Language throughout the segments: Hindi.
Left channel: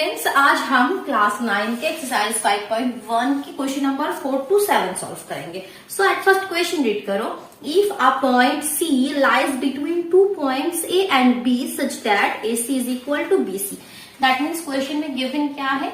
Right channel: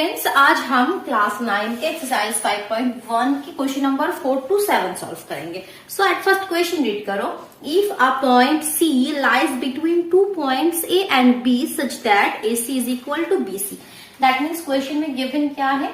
स्टूडेंट्स, आज हम क्लास 9 के एक्सरसाइज 5.1 की क्वेश्चन नंबर 4 to 7 सॉल्व करेंगे। So at first question read करो। If a point C lies between 2 points A and B such that A C is equal to B C. That means question में गिवन क्या है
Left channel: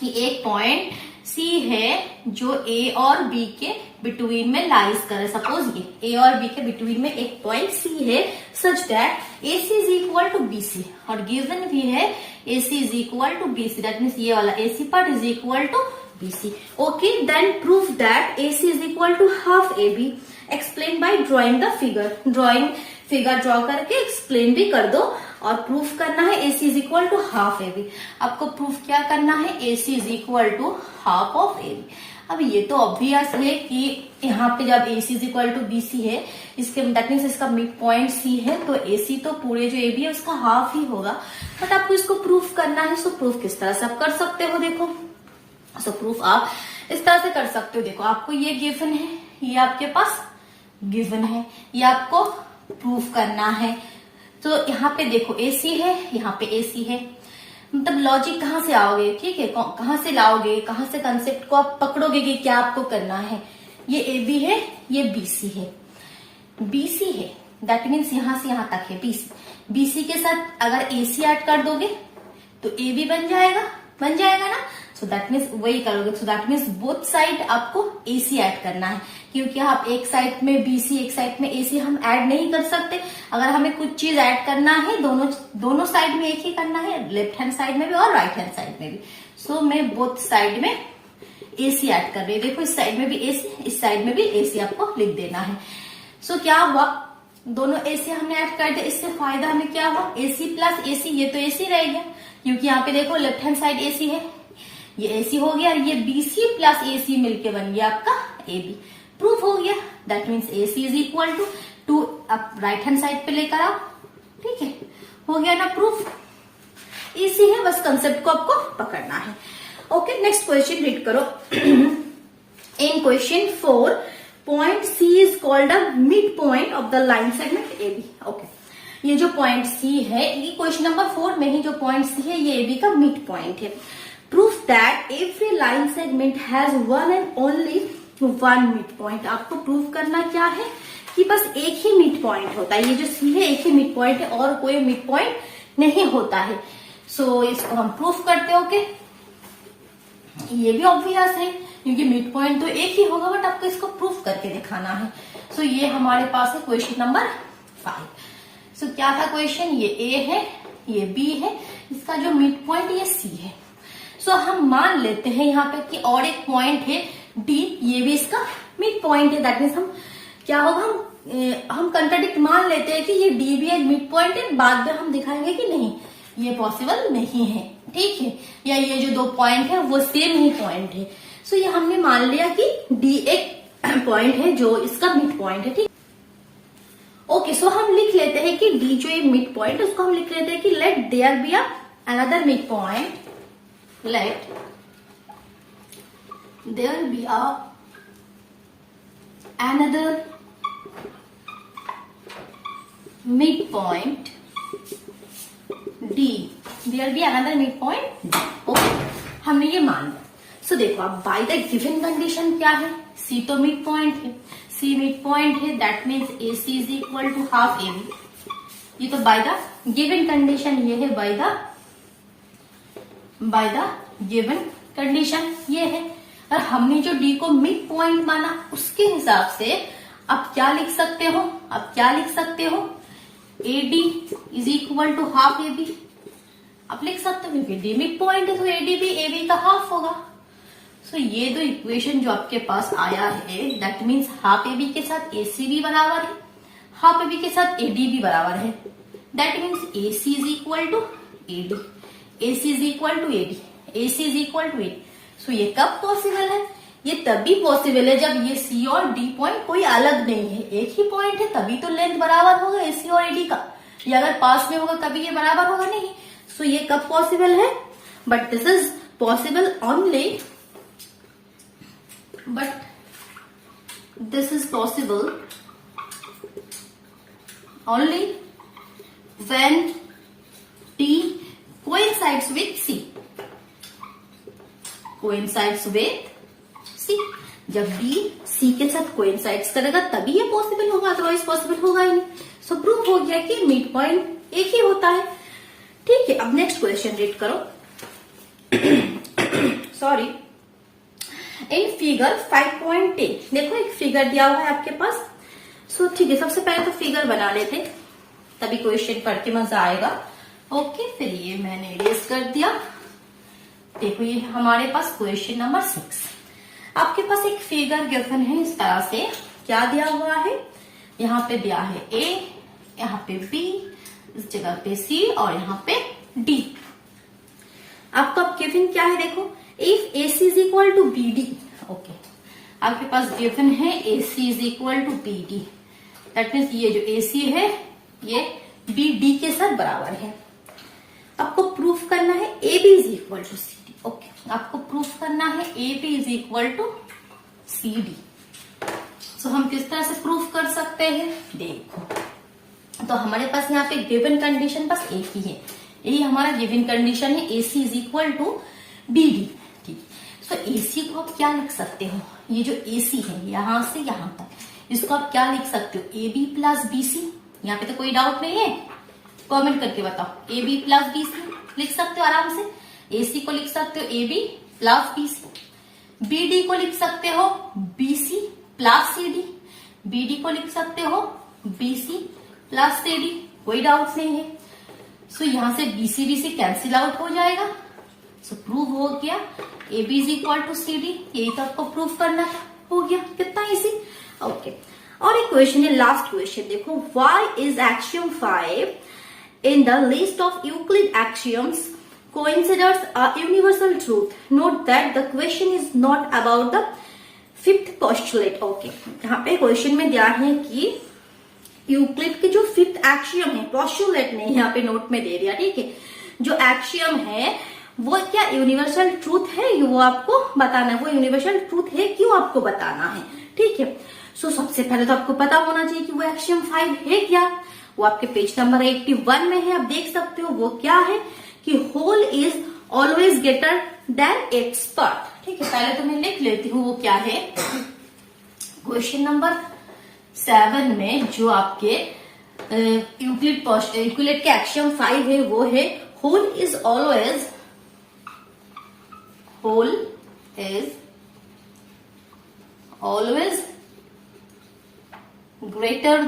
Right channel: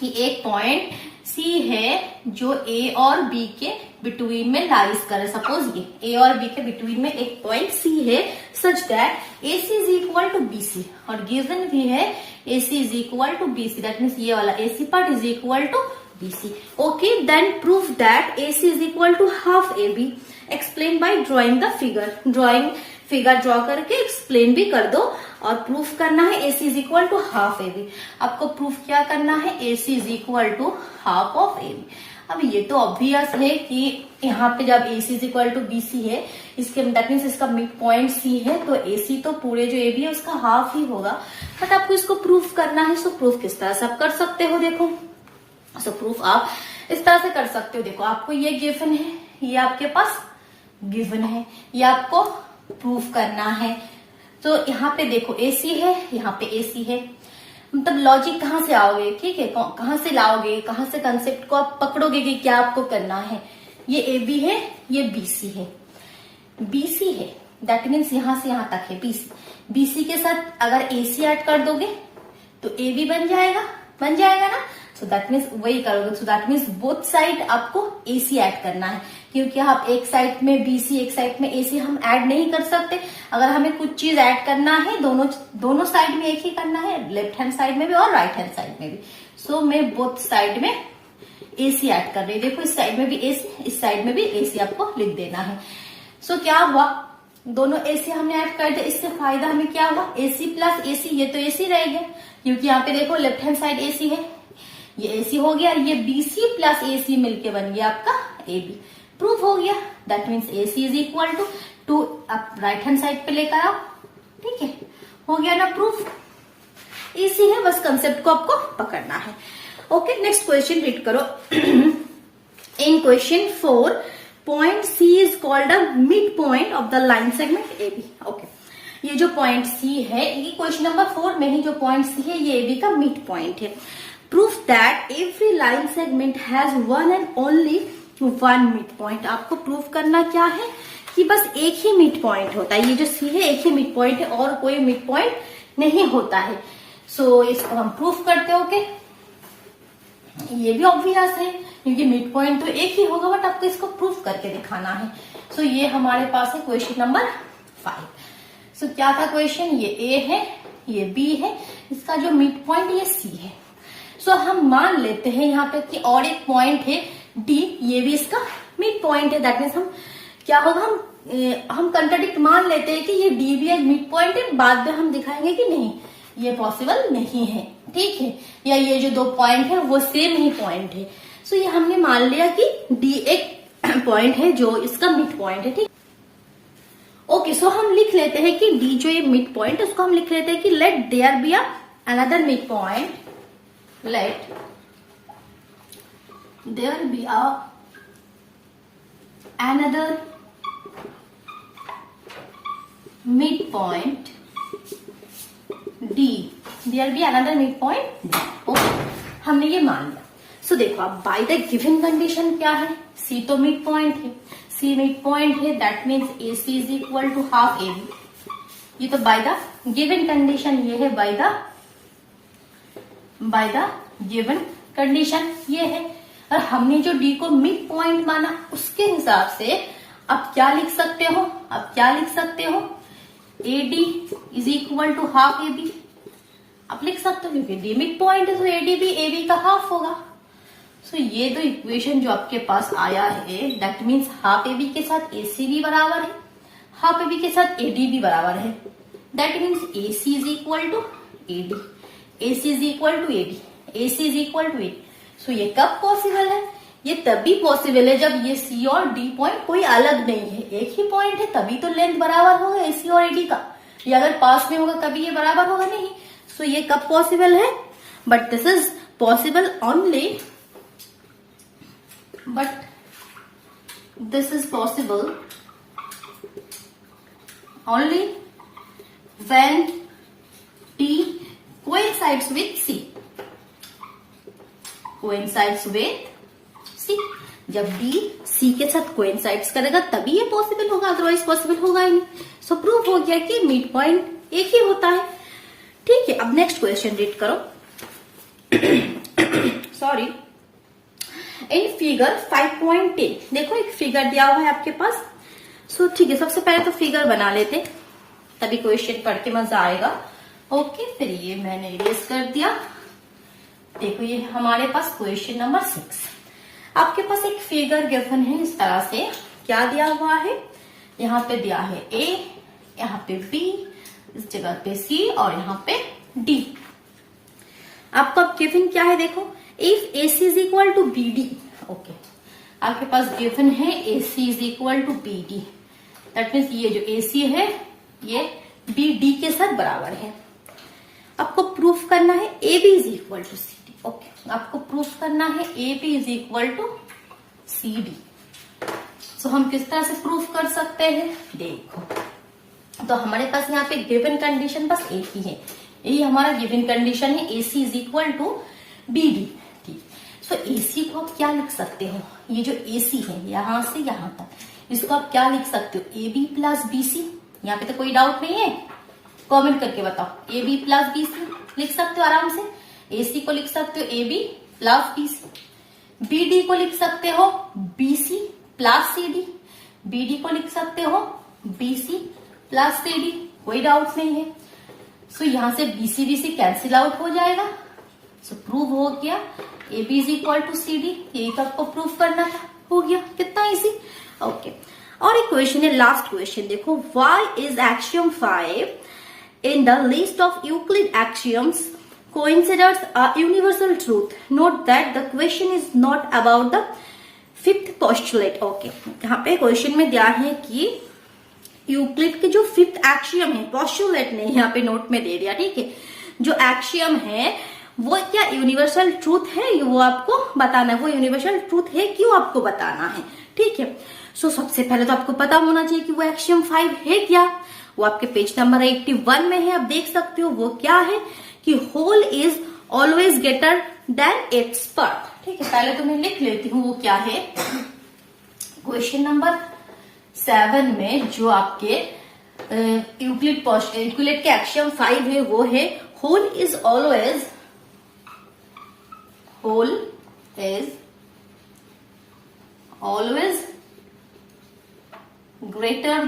कि एक पॉइंट सी है जो ए और बी के बिटवीन में लाइज करे। सपोज ये ए और बी के बिटवीन में एक पॉइंट सी है such that A C is equal to B C, और गिवन भी है A C is equal to B C. That means ये वाला A C part is equal to B C. Okay, then proof that A C is equal to half A B. Explain by drawing the figure. Figure draw करके एक्सप्लेन भी कर दो और प्रूफ करना है A C is equal to half A B. आपको प्रूफ क्या करना है, A C is equal to half of A B. अब ये तो ऑब्वियस है कि यहाँ पे जब A C is equal to B C है, इसके दैट मीन्स इसका मिड पॉइंट सी है, तो ए सी तो पूरे जो ए बी है उसका हाफ ही होगा। बट आपको इसको प्रूफ करना है। सो प्रूफ किस तरह से आप कर सकते हो, देखो। सो प्रूफ आप इस तरह से कर सकते हो। देखो, आपको ये गिवन है, ये आपके पास गिवन है, ये आपको प्रूफ करना है। तो यहाँ पे देखो ए सी है, यहाँ पे ए सी है। मतलब लॉजिक कहाँ से आओगे, ठीक है, कहाँ से लाओगे, कहाँ से कंसेप्ट को आप पकड़ोगे कि क्या आपको करना है। ये ए बी है, ये बी सी है, बी सी है, दैट मीन्स यहां से यहां तक है बी सी। बी सी के साथ अगर ए सी ऐड कर दोगे तो ए बी बन जाएगा ना। सो दैट मीन्स वही करोगे। So that means both side आपको ए सी ऐड करना है, क्योंकि आप एक साइड में बी सी एक साइड में ए सी हम ऐड नहीं कर सकते। अगर हमें कुछ चीज ऐड करना है दोनों साइड में एक ही करना है, लेफ्ट हैंड साइड में भी और राइट हैंड साइड में भी। सो मैं बोथ साइड में ए सी ऐड कर रही हूँ। देखो, इस साइड में भी ए सी, इस साइड में भी ए सी आपको लिख देना है। सो क्या हुआ, दोनों ए सी हमने ऐड कर दिया। इससे फायदा हमें क्या हुआ, ए सी प्लस ए सी, ये तो ए सी रहेगा क्योंकि यहाँ पे देखो लेफ्ट हैंड साइड ए सी है, ये ए सी हो गया, ये बी सी प्लस ए सी मिलके बन गया आपका ए बी। प्रूफ हो गया। That means A C is equal to आप राइट हैंड साइड पे लेकर आओ, ठीक है, हो गया ना प्रूफ। इजी है, बस कंसेप्ट को आपको पकड़ना है। ओके, नेक्स्ट क्वेश्चन रीड करो। In question 4, point C is called a midpoint of the line segment A B. Okay, ये जो पॉइंट सी है, ये क्वेश्चन नंबर 4 में ही जो पॉइंट सी है ये ए बी का मिड पॉइंट है। Proof that every line segment has one and only one mid point. आपको प्रूफ करना क्या है कि बस एक ही मिड पॉइंट होता है। ये जो सी है एक ही मिड पॉइंट है और कोई मिड पॉइंट नहीं होता है। सो इसको हम प्रूफ करते हो के ये भी ऑब्वियस है क्योंकि मिड पॉइंट तो एक ही होगा, बट आपको इसको प्रूफ करके दिखाना है। सो ये हमारे पास है क्वेश्चन नंबर 5। सो क्या था क्वेश्चन, ये ए है, ये बी है, इसका जो मिड पॉइंट ये सी है। सो हम मान लेते हैं यहाँ पे कि और एक पॉइंट है डी, ये भी इसका मिड पॉइंट है। दैट मीन्स हम क्या होगा, हम कंट्राडिक्ट मान लेते हैं कि ये डी भी एक मिड पॉइंट है। बाद में हम दिखाएंगे कि नहीं, ये पॉसिबल नहीं है, ठीक है, या ये जो दो पॉइंट है वो सेम ही पॉइंट है। सो ये हमने मान लिया कि डी एक पॉइंट है जो इसका मिड पॉइंट है, ठीक। ओके, सो हम लिख लेते हैं कि डी जो ये मिड पॉइंट है उसको हम लिख लेते हैं कि let there be another mid point, let there be another midpoint D, there be another midpoint D। Okay, हमने ये मान लिया। सो देखो आप बाय द गिवन कंडीशन क्या है, C तो मिड पॉइंट है, C मिड पॉइंट है, that means A C is equal to half A B. ये तो बाय द गिवन कंडीशन, ये है बाय द गिवन कंडीशन, ये है। और हमने जो डी को मिड पॉइंट माना उसके हिसाब से आप क्या लिख सकते हो, A D is equal to half A B. आप लिख सकते हो क्योंकि डी मिड पॉइंट है तो ए डी भी ए बी का हाफ होगा। सो ये दो इक्वेशन जो आपके पास आया है, that means half A B के साथ ए सी भी बराबर है, हाफ ए बी के साथ ए डी भी बराबर है। That means A C is equal to A D, A C is equal to A D, A C is equal to A. So ये कब पॉसिबल है, ये तभी पॉसिबल है जब ये सी और डी पॉइंट कोई अलग नहीं है, एक ही पॉइंट है, तभी तो लेंथ बराबर होगा ए सी और ए डी का। ये अगर पास में होगा कभी ये बराबर होगा नहीं। सो ये कब पॉसिबल है, but this is possible only, but this is possible only when T coincide coincides with C, coincides with C. जब बी सी के साथ कोइंसाइड्स करेगा तभी ये पॉसिबल होगा, अदरवाइज पॉसिबल होगा ही नहीं। सो प्रूव हो गया कि मिड पॉइंट एक ही होता है। ठीक है, अब नेक्स्ट क्वेश्चन रीड करो। सॉरी, इन फिगर 5.10 देखो एक फिगर दिया हुआ है आपके पास। सो ठीक है, सबसे पहले तो फिगर बना लेते, तभी क्वेश्चन करके मजा आएगा। ओके, फिर ये मैंने इरेज कर दिया। देखो ये हमारे पास क्वेश्चन नंबर 6। आपके पास एक फिगर गिवन है इस तरह से, क्या दिया हुआ है, यहाँ पे दिया है ए, यहाँ पे बी, इस जगह पे सी और यहाँ पे डी। आपका गिवन क्या है, देखो if A C is equal to B D. Okay, आपके पास गिवन है A C is equal to B D, that means ये जो ए सी है ये बी डी के साथ बराबर है। आपको प्रूफ करना है A B is equal to C D. Okay, आपको प्रूफ करना है A B is equal to C D. So हम किस तरह से प्रूफ कर सकते हैं, देखो तो हमारे पास यहाँ पे गिवन कंडीशन बस एक ही है, यही हमारा गिवन कंडीशन है, A C is equal to B D. ठीक, सो ए सी को आप क्या लिख सकते हो, ये जो ए सी है यहां से यहां तक, इसको आप क्या लिख सकते हो, A B plus B C. यहाँ पे तो कोई डाउट नहीं है, कमेंट करके बताओ। A B plus B C लिख सकते हो आराम से, ए सी को लिख सकते हो A B plus B C, B D को लिख सकते हो B C plus C D, B D को लिख सकते हो B C plus C D, कोई डाउट नहीं है। सो यहां से बी सी कैंसिल आउट हो जाएगा। सो प्रूव हो गया A B is equal to C D, यही तो आपको प्रूव करना है, हो गया, कितना इजी। ओके, और एक क्वेश्चन है, लास्ट क्वेश्चन देखो, why is axiom 5 in the list of Euclid axioms considers a universal truth? Note that the question is not about the fifth postulate. Okay, यहाँ पे क्वेश्चन में दिया है कि यूक्लिड के जो फिफ्थ एक्सियम है, पोस्टुलेट नहीं यहाँ पे नोट में दे दिया। ठीक है, जो एक्सियम है वो क्या यूनिवर्सल ट्रूथ है, वो आपको बताना है, वो यूनिवर्सल ट्रूथ है क्यों आपको बताना है। ठीक है, सो सबसे पहले तो आपको पता होना चाहिए कि वो एक्सियम 5 है क्या, वो आपके पेज नंबर 81 में है, आप देख सकते हो वो क्या है कि whole is always greater than its part. ठीक है, पहले तो मैं लिख लेती हूँ वो क्या है। क्वेश्चन नंबर 7 में जो आपके यूक्लिड के एक्सियम 5 है वो है whole is always greater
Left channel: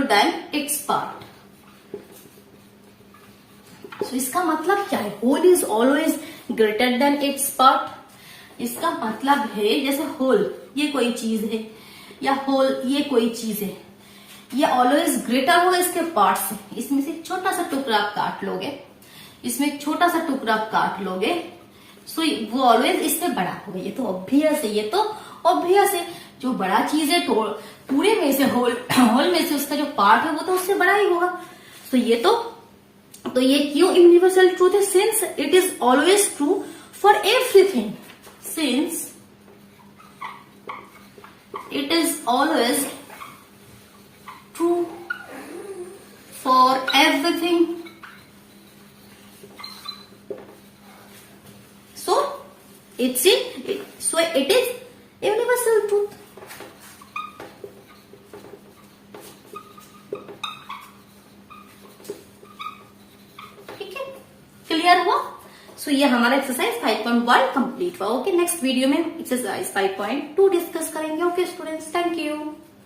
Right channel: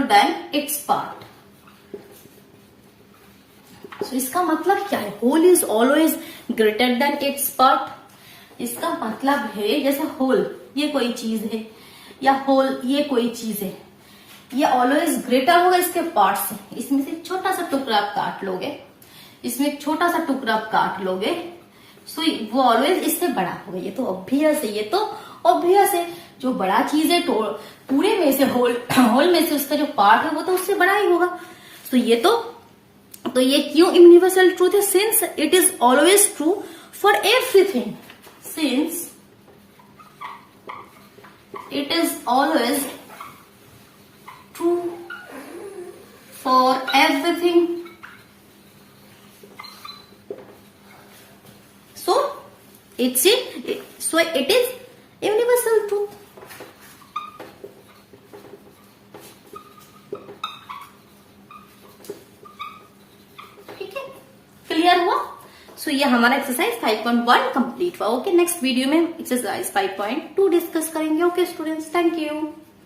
than its part. So, इसका मतलब क्या है, whole is always greater than its part. इसका मतलब है जैसे होल ये कोई चीज है या होल ये कोई चीज है, ये ऑलवेज ग्रेटर होगा इसके पार्ट से। इसमें से छोटा सा टुकड़ा आप काट लोगे, इसमें एक छोटा सा टुकड़ा आप काट लोगे, सो वो ऑलवेज इससे बड़ा होगा। ये तो ऑब्वियस है, जो बड़ा चीज है तो पूरे में से होल में से उसका जो पार्ट है वो तो उससे बड़ा ही होगा। तो ये क्यों यूनिवर्सल ट्रूथ है, since it is always true for everything, since it is always true for everything, so it is universal truth। Clear हुआ। सो ये हमारा एक्सरसाइज 5.1 कंप्लीट हुआ। ओके, नेक्स्ट वीडियो में एक्सरसाइज 5.2 डिस्कस करेंगे। Okay students, thank you.